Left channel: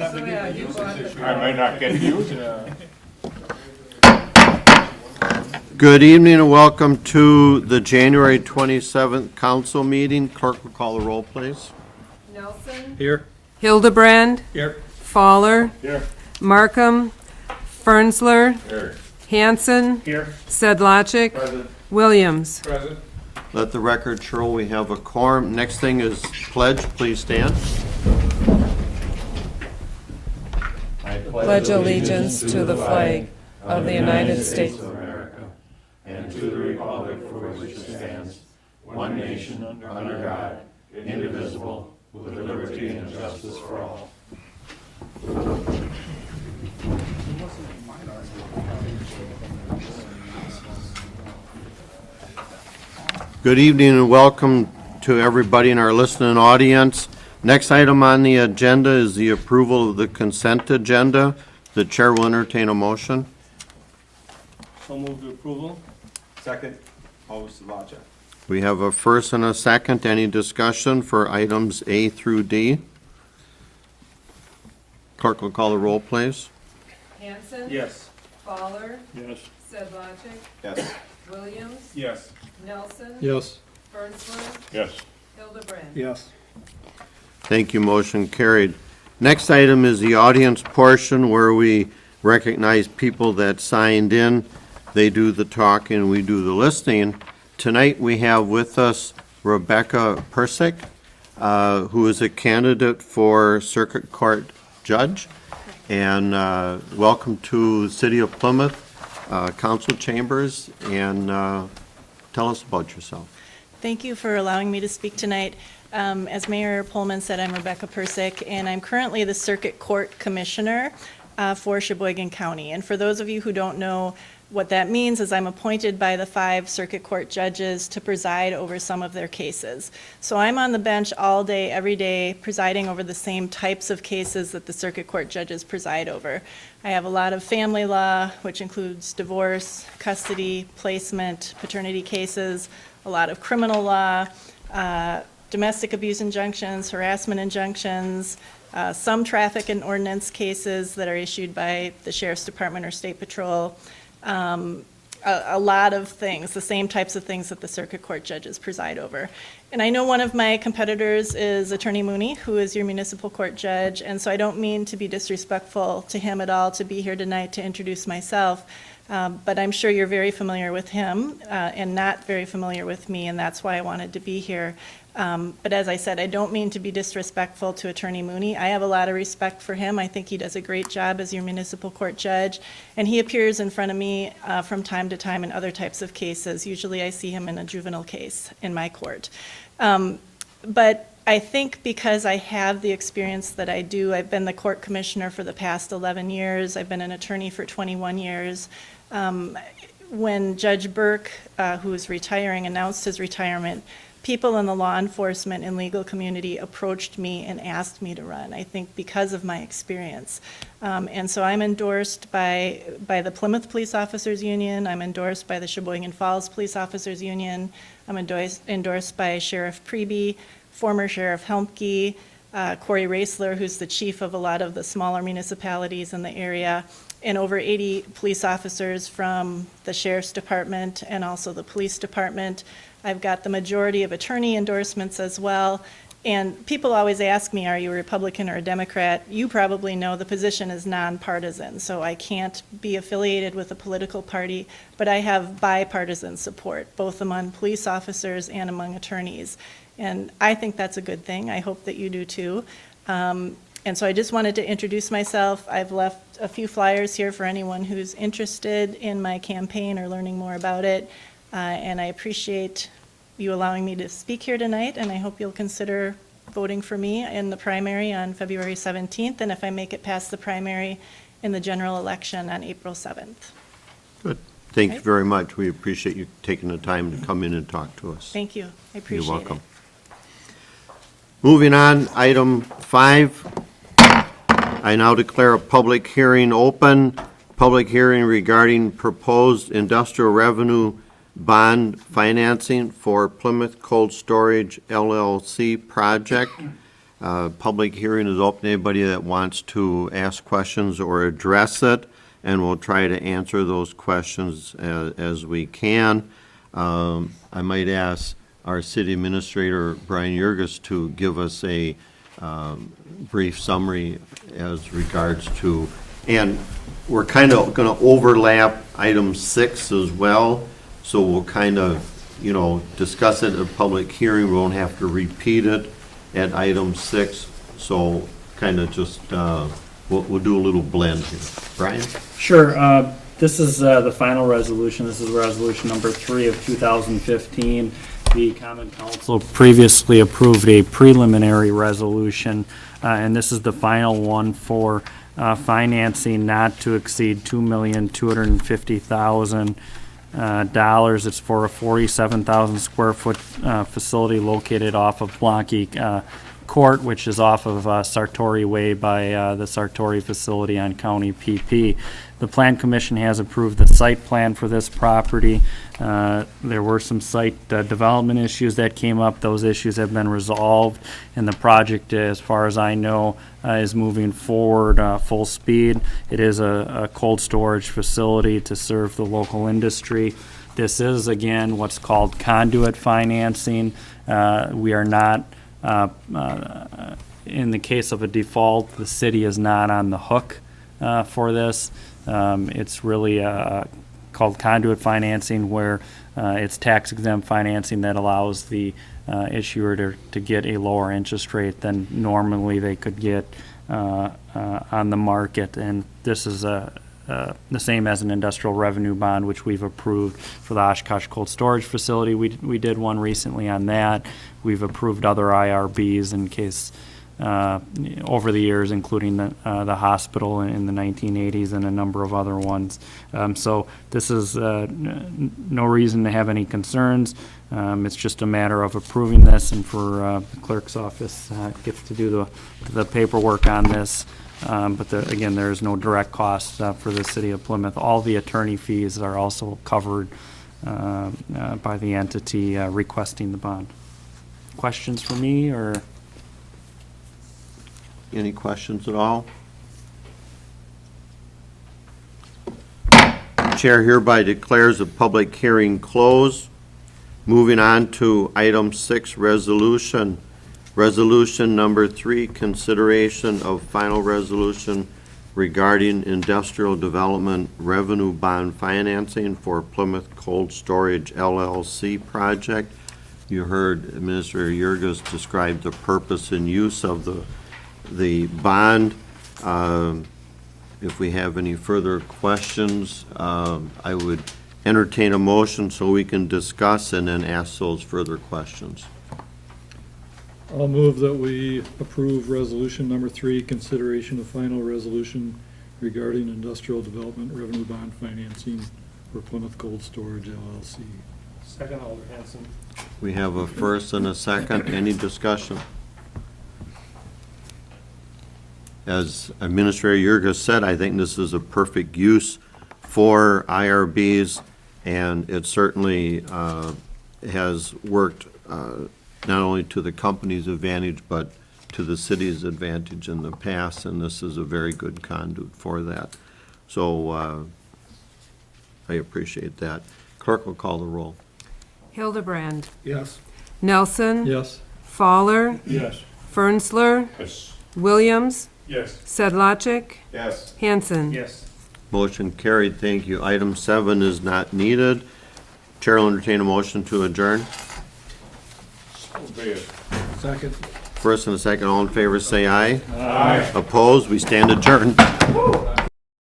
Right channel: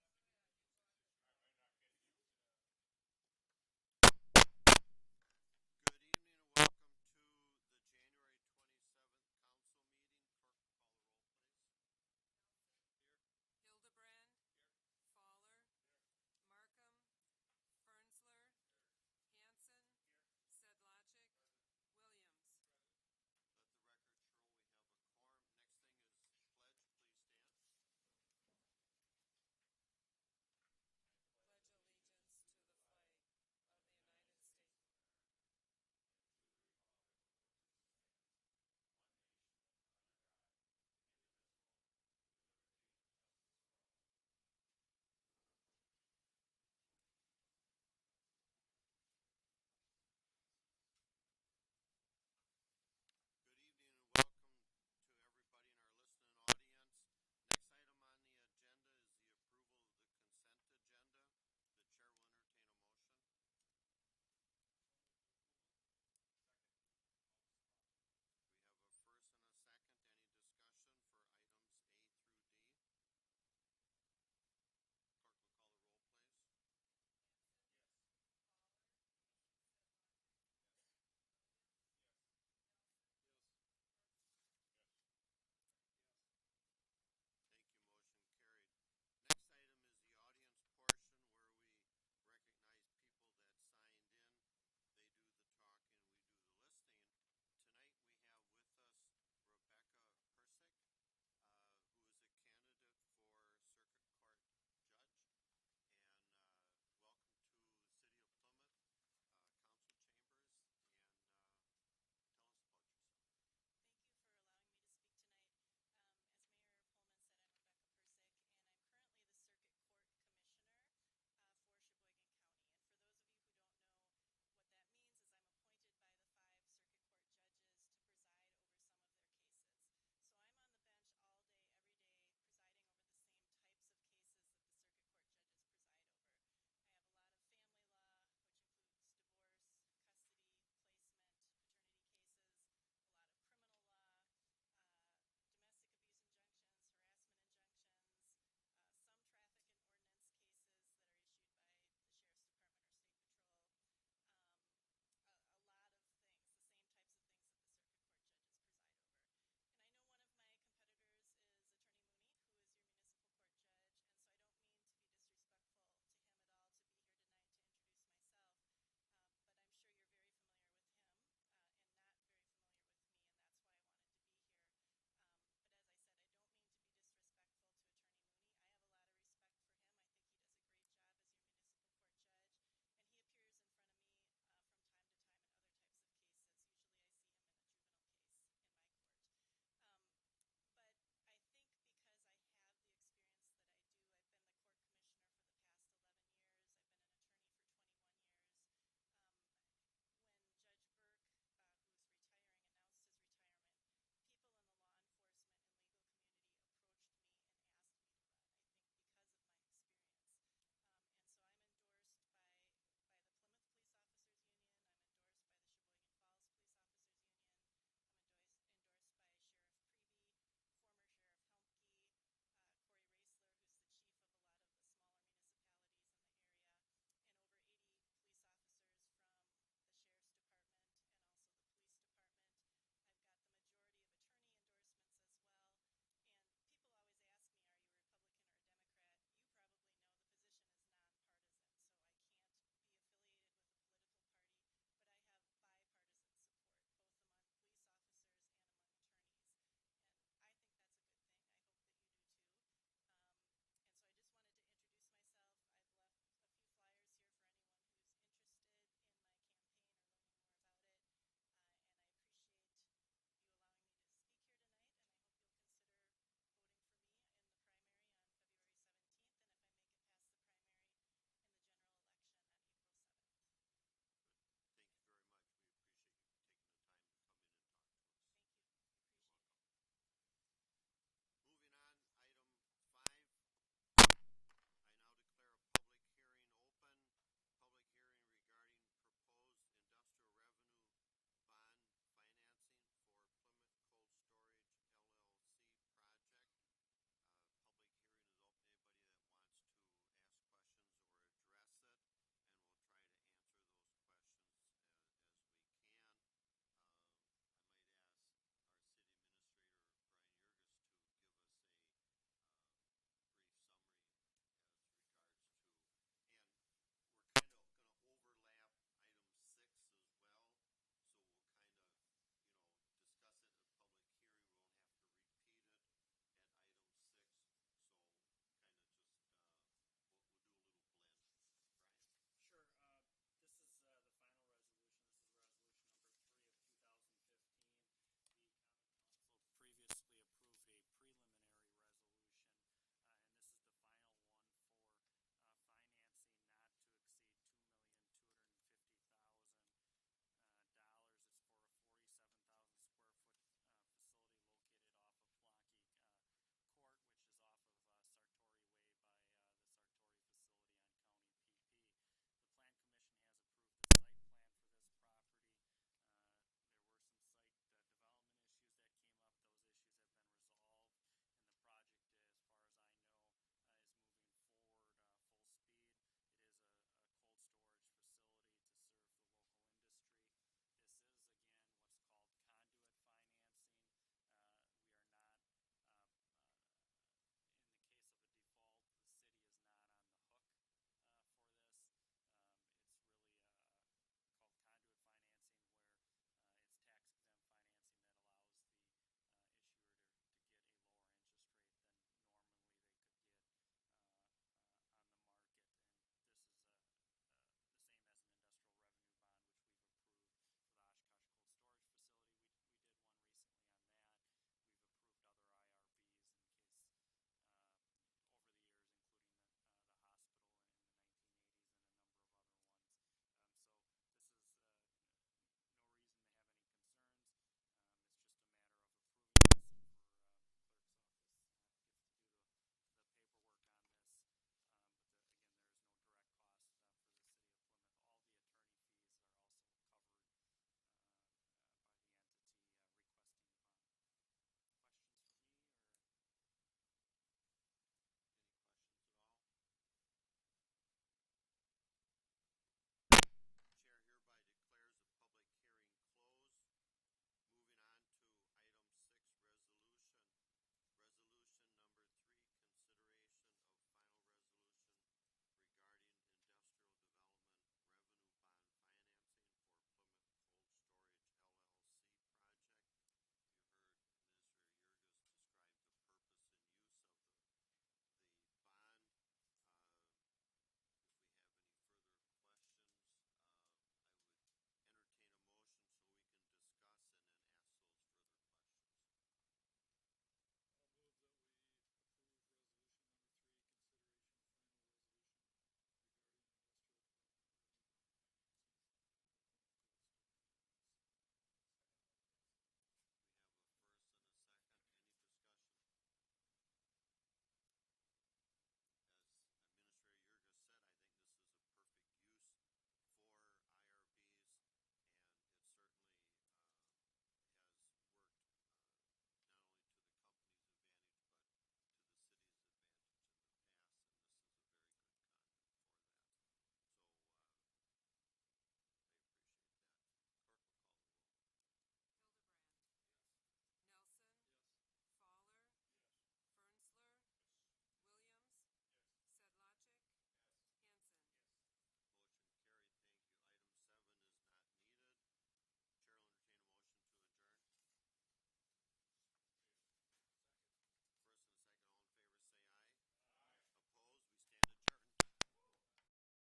I might not get to use it. Good evening and welcome to the January 27th council meeting. Clerk will call the roll, please. Nelson. Here. Hildebrand. Here. Fowler. Here. Markham. Fernsler. Here. Hanson. Here. Sedlacek. Present. Williams. Present. Let the record show we have a quorum. Next thing is pledge. Please stand. Pledge allegiance to the flag of the United States. And to the republic for which it stands, one nation, under God, indivisible, with liberty and justice for all. Good evening and welcome to everybody in our listening audience. Next item on the agenda is the approval of the consent agenda. The chair will entertain a motion. So move to approval. Second, always Sedlacek. We have a first and a second. Any discussion for items A through D? Clerk will call the roll, please. Hanson. Yes. Fowler. Yes. Sedlacek. Yes. Williams. Yes. Nelson. Yes. Fernsler. Yes. Hildebrand. Yes. Thank you, motion carried. Next item is the audience portion where we recognize people that signed in. They do the talking, we do the listening. Tonight we have with us Rebecca Persick, who is a candidate for Circuit Court Judge. And welcome to City of Plymouth Council Chambers, and tell us about yourself. Thank you for allowing me to speak tonight. As Mayor Pullman said, I'm Rebecca Persick, and I'm currently the Circuit Court Commissioner for Sheboygan County. And for those of you who don't know what that means, is I'm appointed by the 5 Circuit Court judges to preside over some of their cases. So I'm on the bench all day, every day, presiding over the same types of cases that the Circuit Court judges preside over. I have a lot of family law, which includes divorce, custody, placement, paternity cases, a lot of criminal law, domestic abuse injunctions, harassment injunctions, some traffic and ordinance cases that are issued by the Sheriff's Department or State Patrol, a lot of things, the same types of things that the Circuit Court judges preside over. And I know one of my competitors is Attorney Mooney, who is your municipal court judge, and so I don't mean to be disrespectful to him at all to be here tonight to introduce myself. But I'm sure you're very familiar with him and not very familiar with me, and that's why I wanted to be here. But as I said, I don't mean to be disrespectful to Attorney Mooney. I have a lot of respect for him. I think he does a great job as your municipal court judge, and he appears in front of me from time to time in other types of cases. Usually I see him in a juvenile case in my court. But I think because I have the experience that I do, I've been the court commissioner for the past 11 years. I've been an attorney for 21 years. When Judge Burke, who is retiring, announced his retirement, people in the law enforcement and legal community approached me and asked me to run, I think because of my experience. And so I'm endorsed by the Plymouth Police Officers Union, I'm endorsed by the Sheboygan Falls Police Officers Union, I'm endorsed by Sheriff Preby, former Sheriff Helmke, Corey Raisler, who's the chief of a lot of the smaller municipalities in the area, and over 80 police officers from the Sheriff's Department and also the Police Department. I've got the majority of attorney endorsements as well. And people always ask me, are you a Republican or a Democrat? You probably know the position is nonpartisan, so I can't be affiliated with a political party, but I have bipartisan support, both among police officers and among attorneys. And I think that's a good thing. I hope that you do too. And so I just wanted to introduce myself. I've left a few flyers here for anyone who's interested in my campaign or learning more about it. And I appreciate you allowing me to speak here tonight, and I hope you'll consider voting for me in the primary on February 17th, and if I make it past the primary, in the general election on April 7th. Good. Thank you very much. We appreciate you taking the time to come in and talk to us. Thank you. I appreciate it. You're welcome. Moving on, item 5. I now declare a public hearing open. Public hearing regarding proposed industrial revenue bond financing for Plymouth Cold Storage LLC project. Public hearing is open, anybody that wants to ask questions or address it, and we'll try to answer those questions as we can. I might ask our city administrator, Brian Yurgis, to give us a brief summary as regards to, and we're kind of going to overlap item 6 as well, so we'll kind of, discuss it at a public hearing. We won't have to repeat it at item 6, so kind of just, we'll do a little blend here. Brian? Sure. This is the final resolution. This is resolution number 3 of 2015. The Common Council previously approved a preliminary resolution, and this is the final one for financing not to exceed $2,250,000. It's for a 47,000 square foot facility located off of Blanky Court, which is off of Sartori Way by the Sartori facility on County PP. The Plan Commission has approved the site plan for this property. There were some site development issues that came up. Those issues have been resolved, and the project, as far as I know, is moving forward full speed. It is a cold storage facility to serve the local industry. This is, again, what's called conduit financing. We are not in the case of a default, the city is not on the hook for this. It's really called conduit financing, where it's tax exempt financing that allows the issuer to get a lower interest rate than normally they could get on the market. And this is the same as an industrial revenue bond, which we've approved for the Oshkosh Cold Storage Facility. We did one recently on that. We've approved other IRBs in case over the years, including the hospital in the 1980s and a number of other ones. So this is no reason to have any concerns. It's just a matter of approving this, and for the clerk's office gets to do the paperwork on this. But again, there is no direct cost for the city of Plymouth. All the attorney fees are also covered by the entity requesting the bond. Questions for me, or? Any questions at all? Chair hereby declares the public hearing closed. Moving on to item 6, resolution. Resolution number 3, consideration of final resolution regarding industrial development revenue bond financing for Plymouth Cold Storage LLC project. You heard Administrator Yurgis describe the purpose and use of the bond. If we have any further questions, I would entertain a motion so we can discuss and then ask those further questions. I'll move that we approve resolution number 3, consideration of final resolution regarding industrial development revenue bond financing for Plymouth Cold Storage LLC. Second, Alder Hanson. We have a first and a second. Any discussion? As Administrator Yurgis said, I think this is a perfect use for IRBs, and it certainly has worked not only to the company's advantage, but to the city's advantage in the past, and this is a very good conduit for that. So I appreciate that. Clerk will call the roll. Hildebrand, Yes. Nelson, Yes. Fowler, Yes. Fernsler, Yes. Williams, Yes. Sedlacek, Yes. Hanson. Yes. Motion carried, thank you. Item 7 is not needed. Chair will entertain a motion to adjourn. So be it. Second. First and a second, all in favor say aye. Aye. Opposed, we stand adjourned.